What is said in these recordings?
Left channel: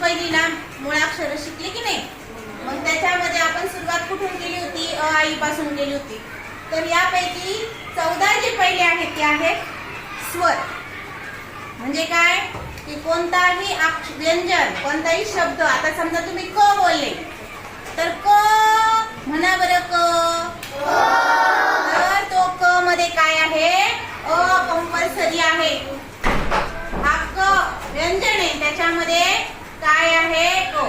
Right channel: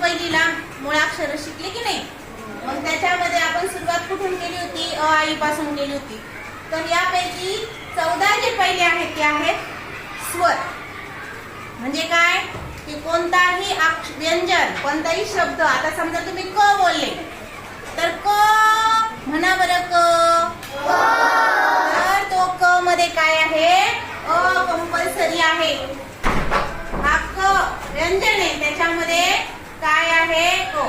पहिलीला मुळाक्षर शिकले की नाही. मग त्याच्यामध्ये आपण सुरुवात कुठून केली होती? अ आई पासून केली होती. तर यापैकी 14 जे पहिले आहेत ते आहेत स्वर. म्हणजे काय की कोणताही व्यंजन, कोणताही शब्द, आता समजा तुम्ही क बोलले तर क म्हणा बरं क. तर तो क मध्ये काय आहे? अ कंपल्सरी आहे. हा क व्यंजन आहे, त्याच्यामध्ये काय आहे? ओ.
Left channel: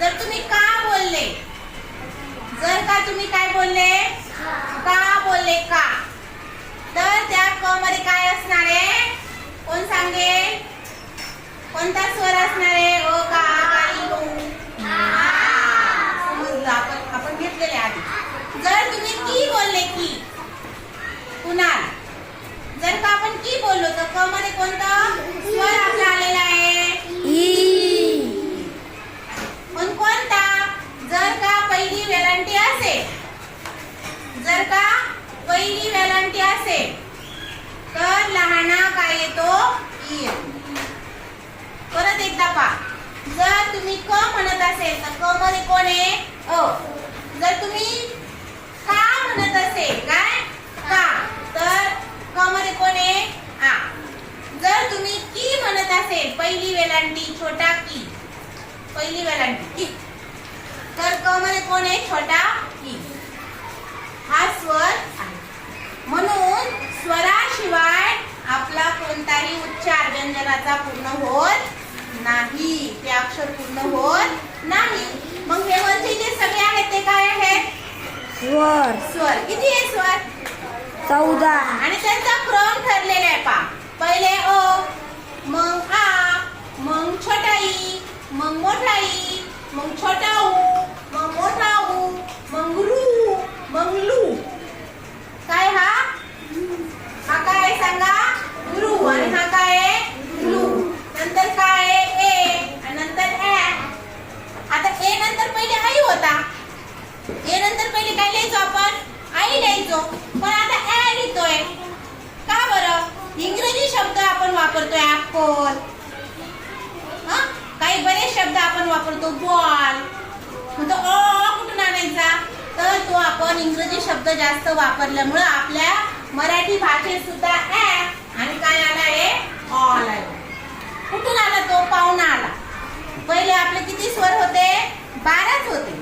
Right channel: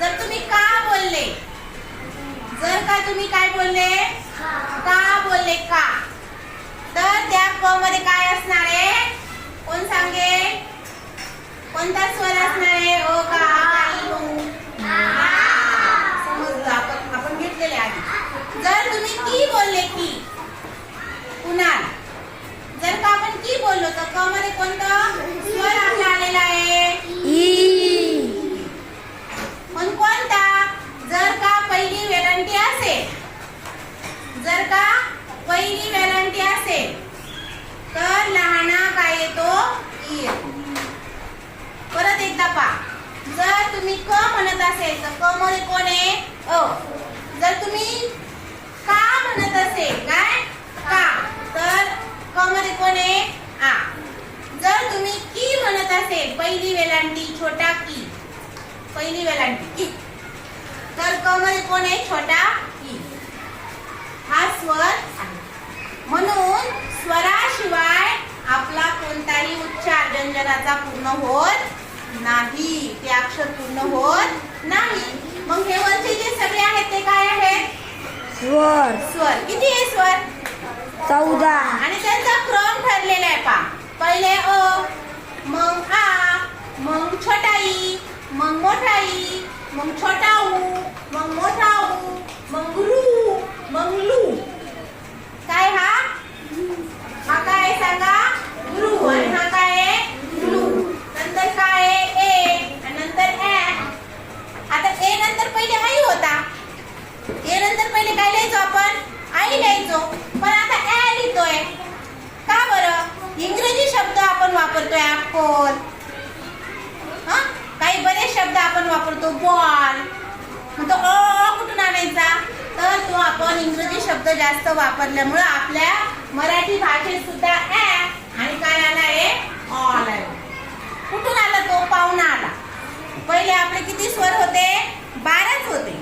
जर तुम्ही का बोलले, जर का तुम्ही काय बोलले? का बोलले का, तर त्या क मध्ये काय असणार आहे? कोण सांगे? कोणता स्वर असणार आहे? ओ का समजलं, आपण घेतलेले आधी. जर तुम्ही की बोलले की, कुणाल, जर का आपण की बोललो तर क मध्ये कोणता स्वर आपला आलेला आहे? पण कोणता? जर का पहिली वेलांटी असेल, जर का पहिली वेलांटी असेल तर लहाना काय येतो? ई येतो. परत एकदा पहा, जर तुम्ही क म्हणत असेल तर क मध्ये कोण आहे? अ. जर तुम्ही का म्हणत असेल, काय का, तर क मध्ये कोण आहे? आ. जर तुम्ही की म्हणत असेल, पहिली वेलांटी छोटा की, पहिली वेलांटी की, तर क मध्ये कोण आहे? छोटा की. हा स्वर आहे. म्हणून स्वराशिवाय आपला कोणताही उच्चार व्यंजनाचा पूर्ण होत नाही, ते अक्षर पूर्ण होत नाही. मग हे वरचे जे सगळे आहेत ते काय आहेत? स्वर. स्वर. किती आहे स्वर? 14. आणि त्यांचा क्रम ठरलेला आहे. पहा, पहिले अ, मग आ, मग छोटा ई, मग मोठा ई, मग छोटा ऊ, मग मोठा ऊ, मग रू, मग लू. काय हा? हा काय सांगा? रू. आणि हा काय आहे? लू. नंतर काय आहे? ए. आणि नंतर ए. आता ए नंतर पहिले आई होता. ए नंतर पहिले काय लिहायचो आपण? आई लिहायचो. पण आता ए लिहितोय. का बरं? इंग्रजी शब्द आपण वापरतोय. ऍपल, हा, काही बरेच शब्द आपण वापरतो. बॉल. मग तो अ कुठून आणायचा? तर तो आपण इंग्रजी शब्द जास्त वापरल्यामुळे आपल्या मराठी भाषेत सुद्धा ए आणि काय आलाय? ऑल आला. कुठून आला तो? पाहुणा आला. पहिले आपले किती स्वर होते? 12च होते.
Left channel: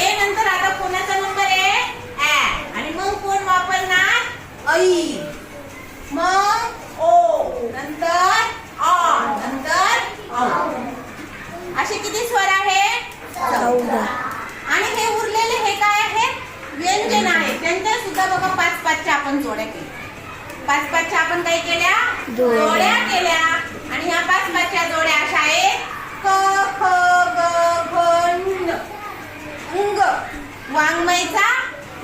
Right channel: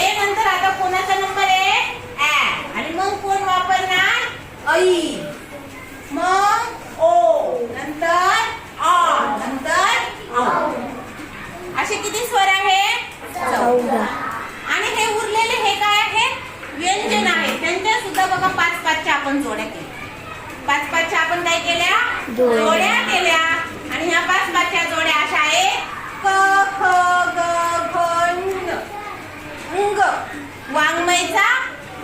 ए नंतर आता कोणाचा नंबर आहे? ए. आणि मग कोण वापरणार? ऐ. मग ओ, नंतर ऑ, नंतर औ. असे किती स्वर आहे? 14. आणि हे उरलेले हे काय आहेत? व्यंजन आहेत. त्यांच्या सुद्धा बघा 5-5च्या आपण जोड्या केल्या. 5-5च्या आपण काय केल्या? जोड्या केल्या. आणि ह्या 5-5च्या जोड्या अशा आहेत क, ख, ग, घ, ङ. अंग, वाङ्मयचा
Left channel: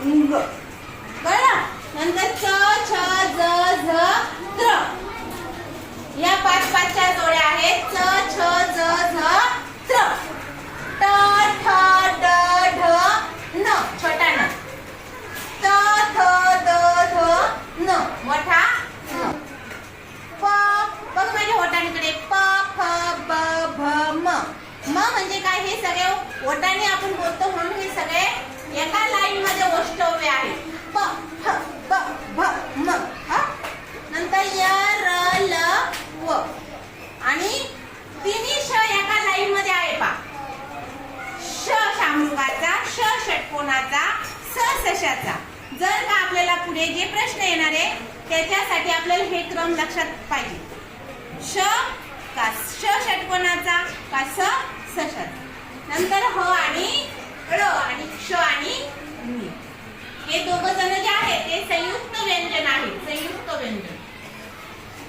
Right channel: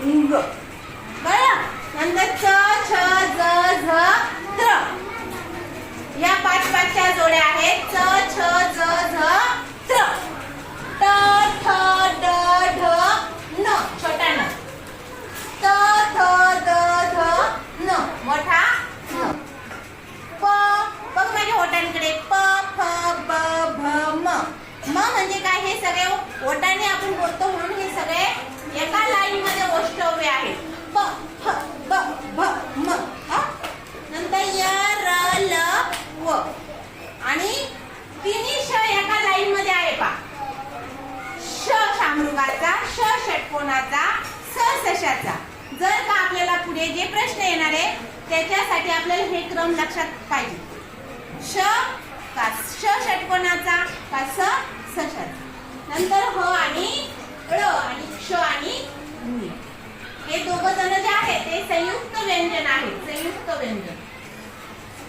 अंग. कळलं? नंतर च, छ, ज, झ, त्र. या 5-5च्या जोड्या आहेत च, छ, ज, झ, त्र. ट, ठ, ड, ढ, न, छोटा न. त, थ, द, ध, न, मोठा न. प, बघ माझ्या ओठांकडे. प, फ, ब, भ, म. म म्हणजे काय? हे सगळे ओठांनी आपण बोलतो म्हणून हे सगळे एका लाईन मध्ये ओष्ठव्य आहेत. प, फ, ब, भ, म. नंतर य, र, ल, व. आणि तिन्ही श एका लाईन मध्ये आहे. पा, श शामृगाचा, श षटकोनाचा, स सशाचा. जर का आपल्याला पुढे जे प्रश्न येणार आहे त्याच्यासाठी आपल्याला हे क्रम लक्षात पाहिजे. श का श षटकोनाचा का स सशाचा. नंतर ह आणि ळ आणि क्ष आणि नी. हे दोघ जण जे आहेत ते संयुक्त व्यंजन आहेत. संयुक्त व्यंजन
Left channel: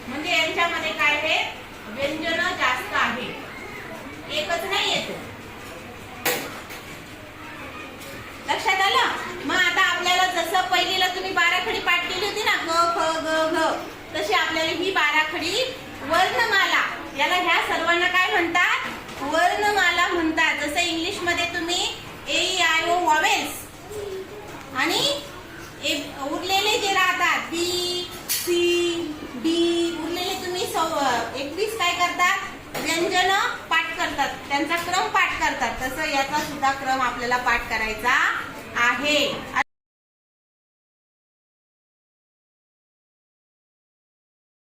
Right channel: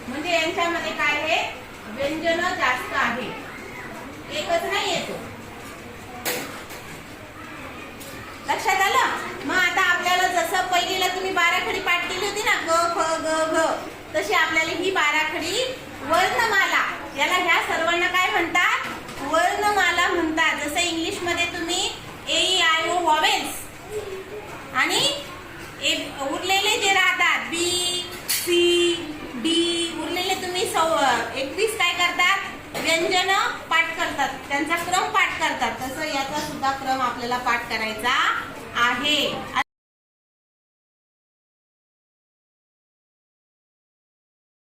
म्हणजे यांच्यामध्ये काय आहे? व्यंजन जास्त आहे, एकच नाही येतो. लक्षात आलं? मग आता आपल्याला जसं पहिलीला तुम्ही 12 खडी पाठ केली होती ना, ग, ख, ग, घ, तशी आपल्याला ही 12 खडी वर्णमाला, याला ह्या सर्वांना काय म्हणतात? वर्णमाला म्हणतात. जसं इंग्लिश मध्ये तुम्ही AEIO व्हॉवेल्स आणि उरलेले जे राहतात B, C, D, उरलेले तुम्ही 21 काय करतात? व्यंजन पाठ करतात. करतात, त्यांचा क्रम पाठ करतात, तसं याचा सुद्धा क्रम आपल्याला पाठ करायचा आहे.